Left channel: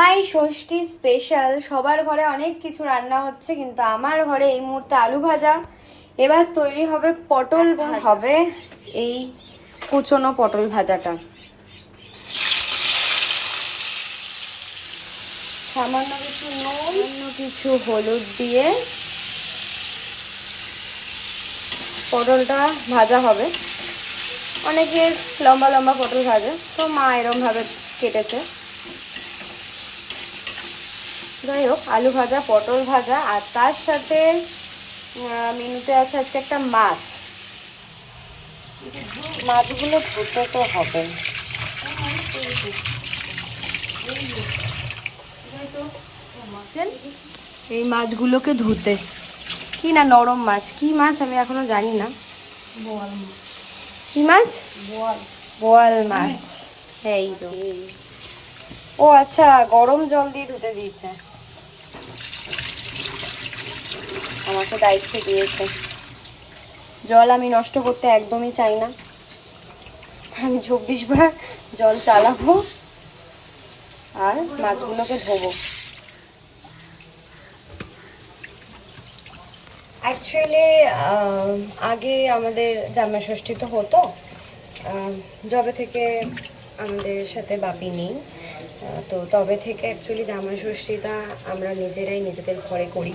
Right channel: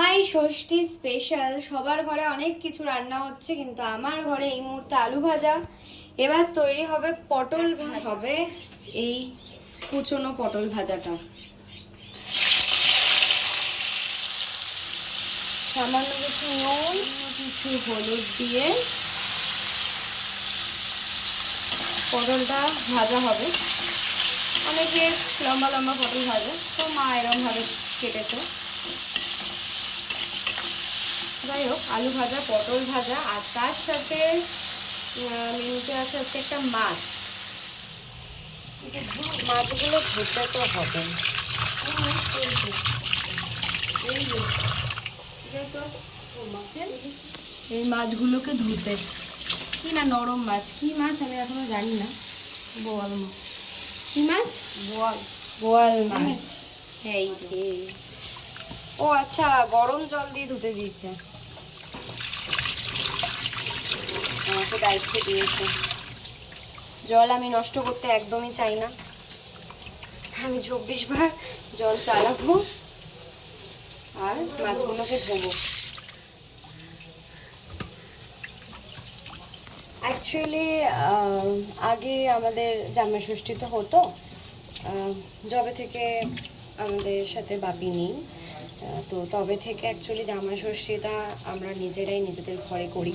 জামাই ষষ্ঠী স্পেশাল। সবার ঘরে অনেক কিছু রান্না হচ্ছে, কিন্তু আমার ঘরে এই মুহূর্তে আলু ভাজা। এবার তৈরি হবে পটল হবে, এই কুচনো পটল ভাজাটা। সামান্য কিছু নুন, কিছু হলুদ দিয়ে পটলটা ভাজা হবে। অনেকে লম্বা লম্বা পটল ভাজে, তো মা এরকম ভাবে কেটেছে। যাই হোক, আলু ভাজা, পটল ভাজা, আর তার সাথে মেনুতে আছে আজকে একটা মাছ। মাছগুলো ধুতে তো হবে, এই মাছগুলোকে ধুতে। কি না নরম মাছ, কি মাছ আমি এখনো জানি না। কি মাছ? বোয়াল মাছ। এই ও আচ্ছা, গরম জল দিয়ে ধুতে দিয়েছে, আমাকে দায়িত্ব দিয়েছে। জল আমি নষ্ট করতে একদমই চাই না, আমি 24 বার জল চালাবো আর মাছগুলোকে ধোবো। অ্যাকচুয়ালি আগে আমাদের জামাই ষষ্ঠী তো হতো, যবে থেকে আমাদের সাথে বাপি নেই, তো তবে থেকে অ্যাকচুয়ালি জামাই ষষ্ঠীটা আমরা নিজেরাই নিজেদের ঘরে করি।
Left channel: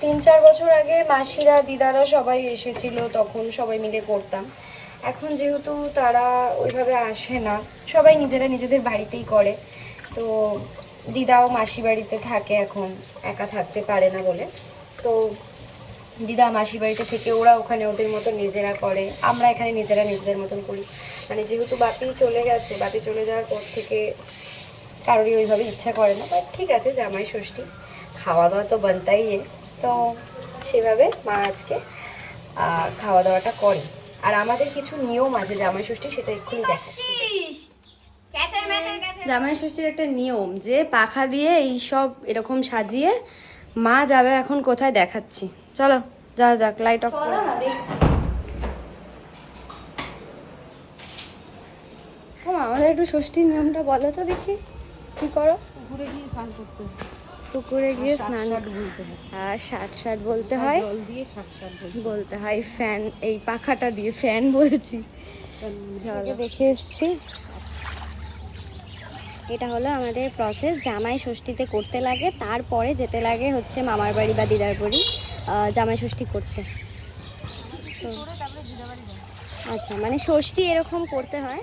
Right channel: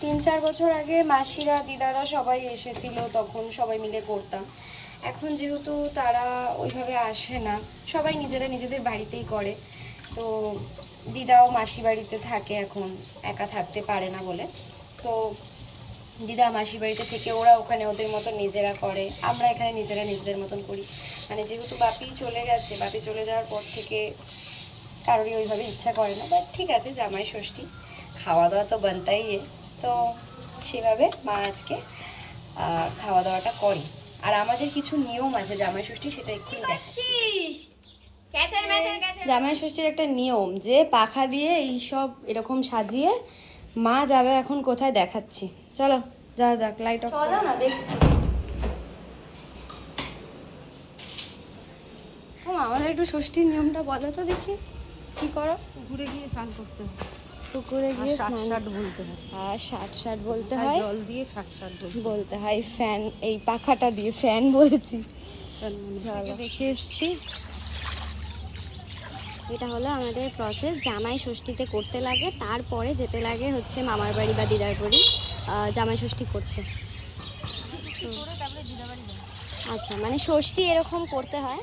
3-4 বছর আগে মাসিরা দিদারা সবাই এসেছিল, তখন সবাই মিলে করতাম। এখন যেহেতু তারা ওইভাবে আসে না, সবাই নিজেরা নিজেদের বাড়িতেই করে, তো দিদাও মাসি বাড়িতে থাকে, এখন একা থাকতে পারে না বলে, তো দিদা মাসি বাড়িতে থেকে ওরা ওখানে ওদের মতো নিজেরা করে, আমরা এখানে নিজেরা নিজেদের মতন করি। মানে যেহেতু বাপি চলে গেছে, বাপি চলে যাওয়ার পর থেকে কারোরই ওইভাবে ইচ্ছা করে না, বাট ঠিক আছে, জামাই ষষ্ঠী খাওয়া দাওয়া তো বানতাই, তো সেভাবে মা আজকে খাওয়া দাওয়াটা করে। আর আমাদের কিছু নিয়ম আছে জামাই ষষ্ঠী, সেটা এক্ষুনি দেখাচ্ছি। জামাই ষষ্ঠীর একটা নিয়ম যে পাখা দিয়ে এই সব এরকম সাজিয়ে মা যাবে এখন কোথায় দেখাচ্ছি, চলো যা যাক, লাইট অফ করো না, দেখছি। ও আমাদের একটু ষষ্ঠীর নিয়মটা বলো তো দেখি, কি করো? পুকুরে গিয়ে স্নান করতে হয়, পুকুরে গিয়ে স্নান বলতে হয়, আর 60 বলতে হয়, জল দিয়ে 60 বলতে হয়, ফ্যান এই পাখাটা দিয়ে, ফ্যান বলছি, দেখে এসছি। এটা হলো আমাদের প্রসেস, জামাই ষষ্ঠীতে করতে লাগে, তারপরে যেতে লাগে হচ্ছে মামার বাড়ি বা দিদার বাড়ি জামাই ষষ্ঠী করতে। আচ্ছা, মানে ষষ্ঠী এরকম করতে হয়।